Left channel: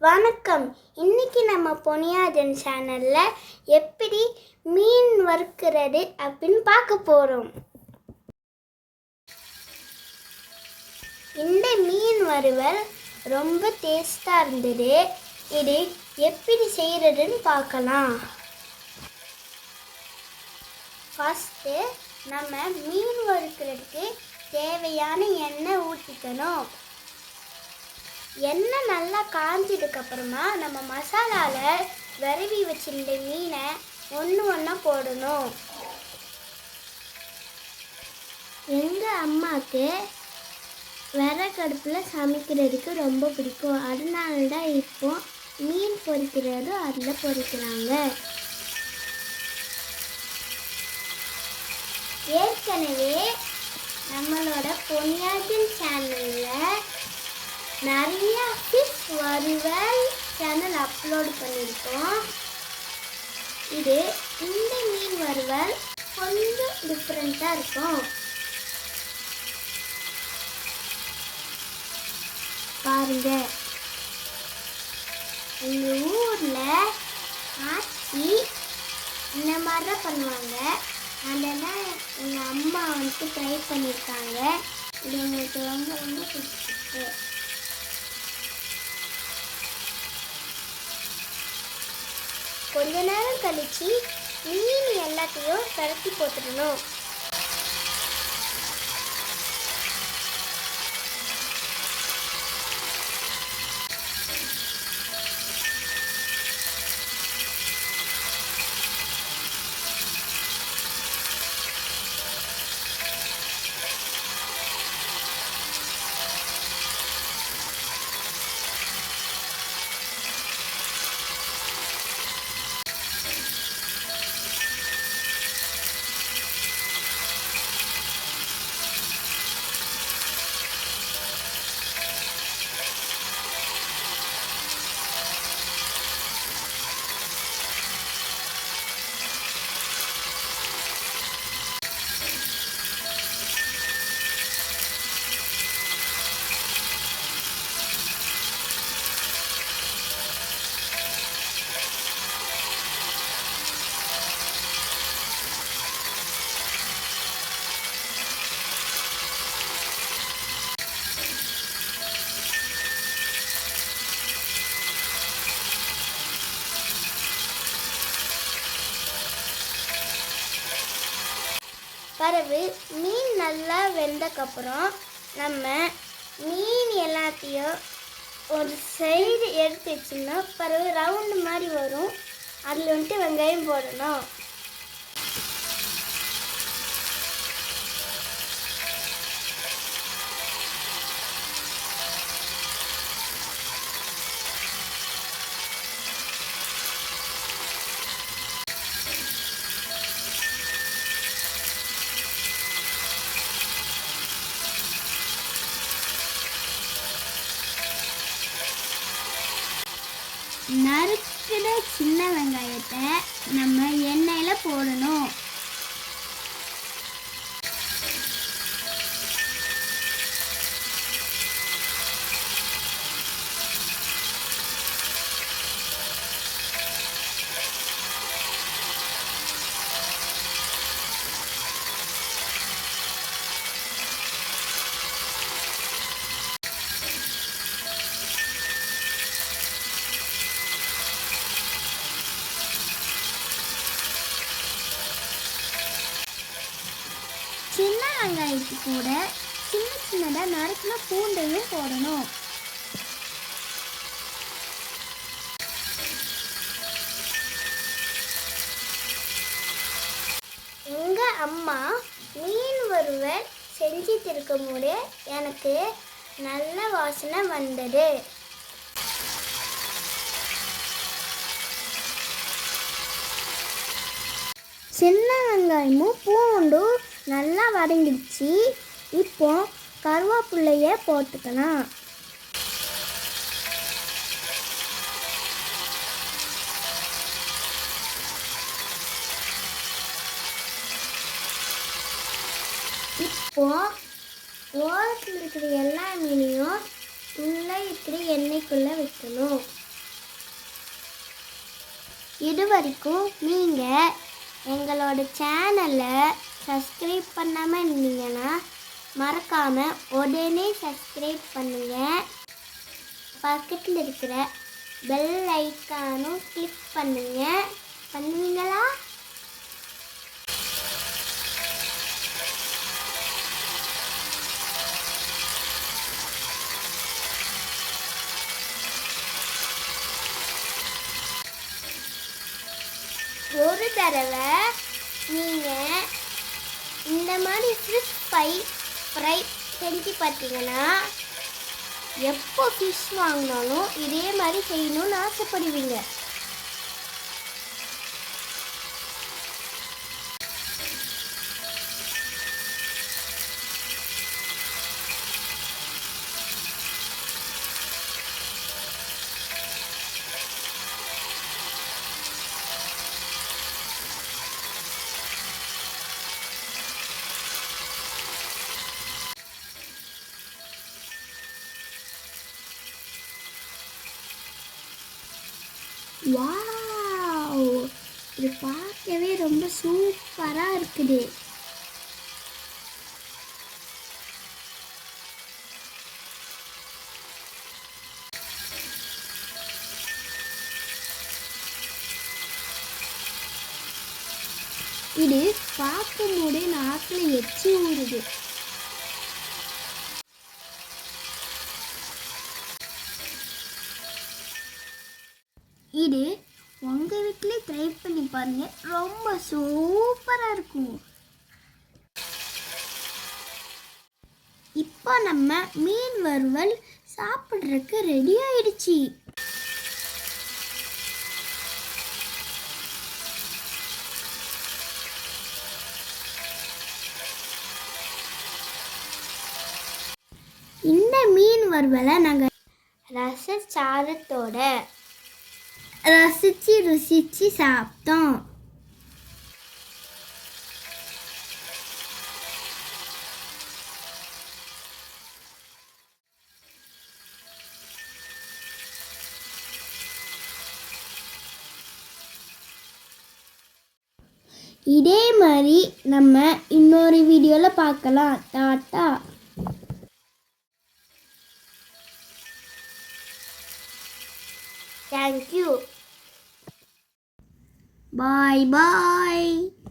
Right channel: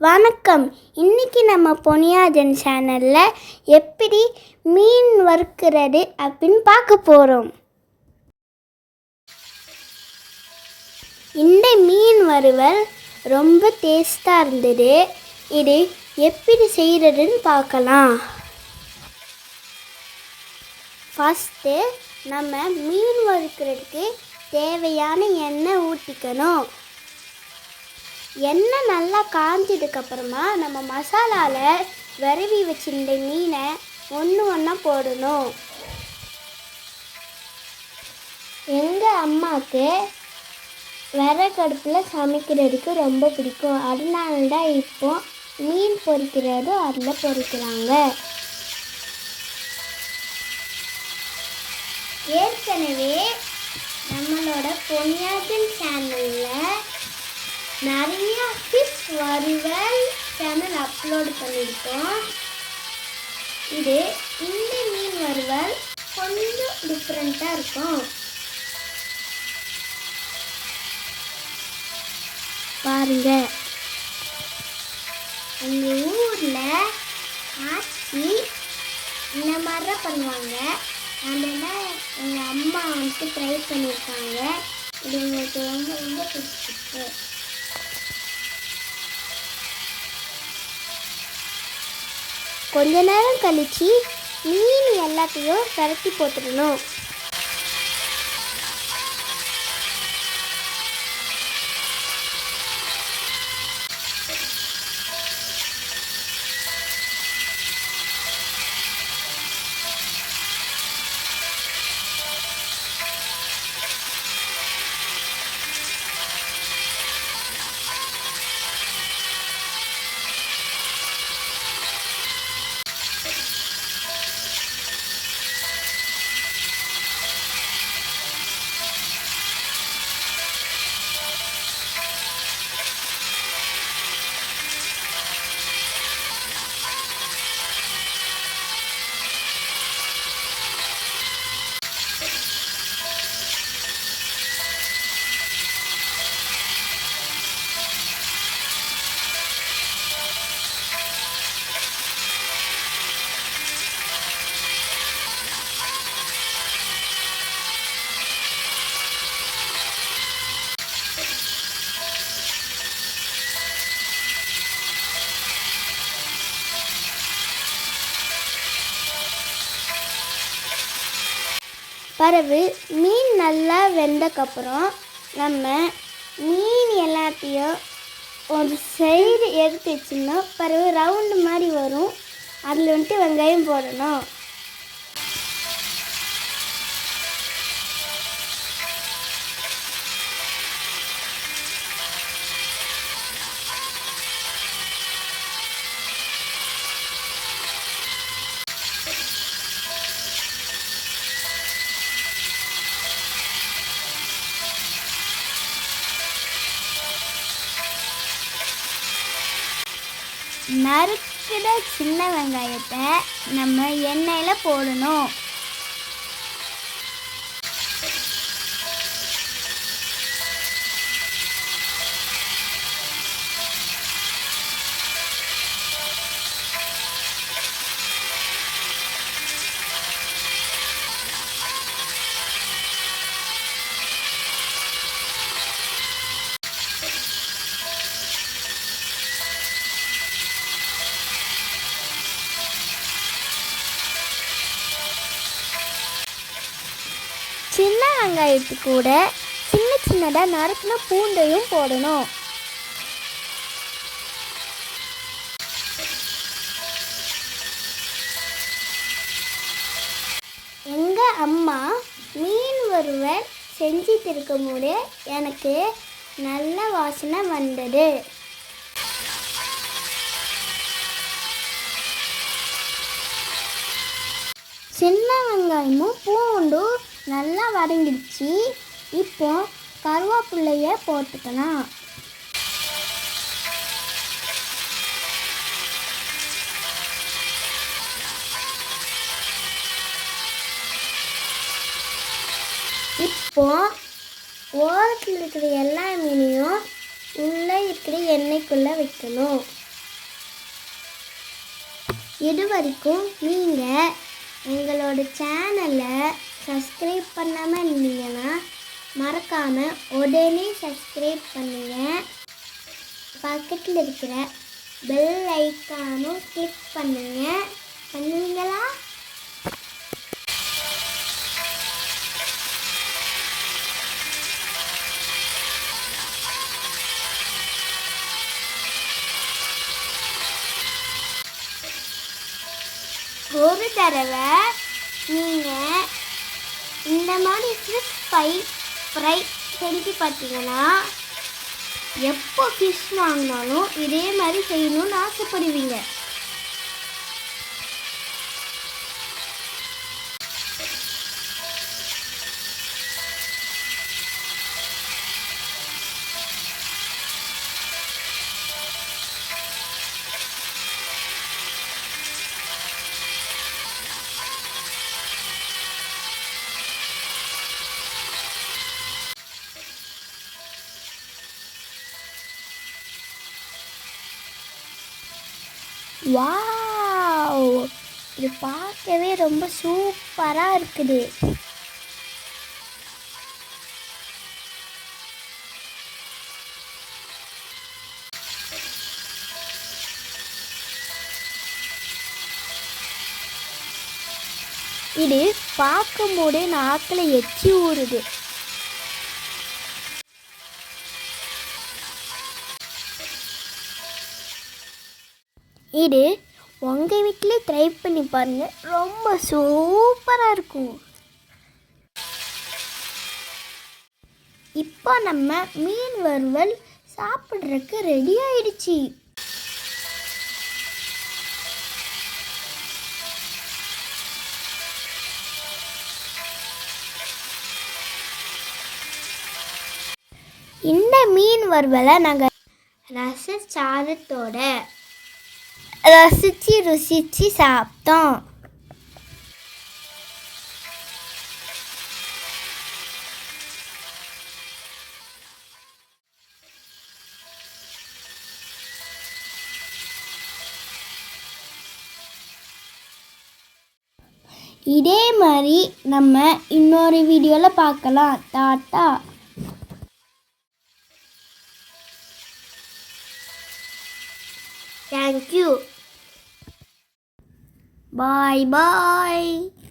வணக்கம். இன்றைக்கி நம்ம பொன்னியாஜன் சேனலில் எப்படி மீன் வறுக்கிறது அப்படின்னு பார்க்க போகிறோம். இந்த மீன் வறுவல் ரொம்ப டேஸ்ட்டாக இருந்தது. இது எப்படி செய்கிறதுன்னு பார்க்கலாம். ஃபஸ்ட்டு நம்ம மீன் வறுக்கிறதுக்கு தேவையான எண்ணெய் ஊற்றிக்கணும். எண்ணெய் நல்லா காஞ்சதுக்கப்புறமா நம்ம மசாலாவில் விரவி வச்சிருந்த மீனை ஒன்று ஒன்றா போடணும். எங்கள் அம்மாவுக்கு விறகடுப்பில் சமைக்கிறதுக்கு ரொம்ப பிடிக்கும். அதனால தான் இப்போ மீன் பொரிக்கிறதும் அதில் பொரிக்கிறாங்க. ஏற்கனவே நம்மளோட பொன்னியாஜன் சேனலில் நிறைய ஃபிஷ் வறுவல் சேனல் அப்லோட் பண்ணியிருக்கோம். இந்த மீன் வறுவல் கொஞ்சம் டிஃப்ரெண்ட்டாக இருக்கும். பாருங்க, எங்கள் ஊரில் ஆச்சி இந்த மாதிரி தான் பண்ணுவாங்க. அதெல்லாம் எங்கள் அம்மா ட்ரை பண்ணியிருக்காங்க. இது எங்களுக்கு ரொம்ப ரொம்ப பிடிச்சிருக்கு. கொஞ்ச நேரம் கழித்து மீன் எல்லாத்தையும் கரட்டி போட்டுடணும். பிறகு மீன் நல்லா வெந்தக்கப்புறம் நம்ம மீன் எல்லாத்தையும் ஒரு சைடு எடுத்து வச்சுன்னா பிறகு ரவுண்டு மாதிரி வரும். அதில் வெங்காயம் போடணும். நறுக்கிற சின்ன வெங்காயத்தை நம்ம எண்ணெயில் போடணும். சின்ன வெங்காயத்துக்கு கூட சின்னதாக நறுக்கின பூண்டையும் போடணும். எங்கள் அம்மா மீன் வறுவல் செஞ்சிட்டு இருக்கும்போது எனக்கு நல்ல வாசனை வந்தது. சின்ன வெங்காயமும் பூண்டும் நல்லா வதங்கிடுச்சு. இப்போ கருவேப்பிலையை போட்டுக்கலாம். இப்போ ஓரத்தில் இருக்கிற எல்லா மீனையும் உள்ளே இப்படி எண்ணெய்க்குள்ளே வைக்கணும். இது வரைக்கும் நீங்கள் எங்களோட சேனலை சப்ஸ்கிரைப் பண்ணாமல் இருந்தீங்கன்னா மறக்காமல் உடனே சப்ஸ்கிரைப் பண்ணுங்கள். பக்கத்தில் இருக்கிற பெல் ஐக்கானும் கிளிக் பண்ணுவீங்களா? ஒரு தடவை நீங்கள் இந்த மாதிரி ஃபிஷ் ஃப்ரை செஞ்சு பார்த்தீங்கன்னா எப்போ ஃபிஷ் வாங்கினாலும் இதே மாதிரி செய்யணும்னு ஆசைப்படுவீங்க. வாவ், இது பார்க்கவே ரொம்ப சூப்பராக இருக்குது. இது பார்க்கும்போதே நாக்கில் எச்சி ஊறுது. இது உங்கள் வீட்டிலே ட்ரை பண்ணி பாருங்கள், ரொம்ப சூப்பராக இருக்கும். இப்போ நம்ம மீன் வறுவல் சாப்பிட்றதுக்கு ரெடி ஆயிடுச்சு. இந்த மீன் வறுவலை நாங்கள் ரசச்சாதத்தோட ருசிச்சு சாப்பிட்டோம். இதே மாதிரி நம்ம இன்னொரு வீடியோவில் பார்க்கலாம். Tata. Thank you. Bye bye.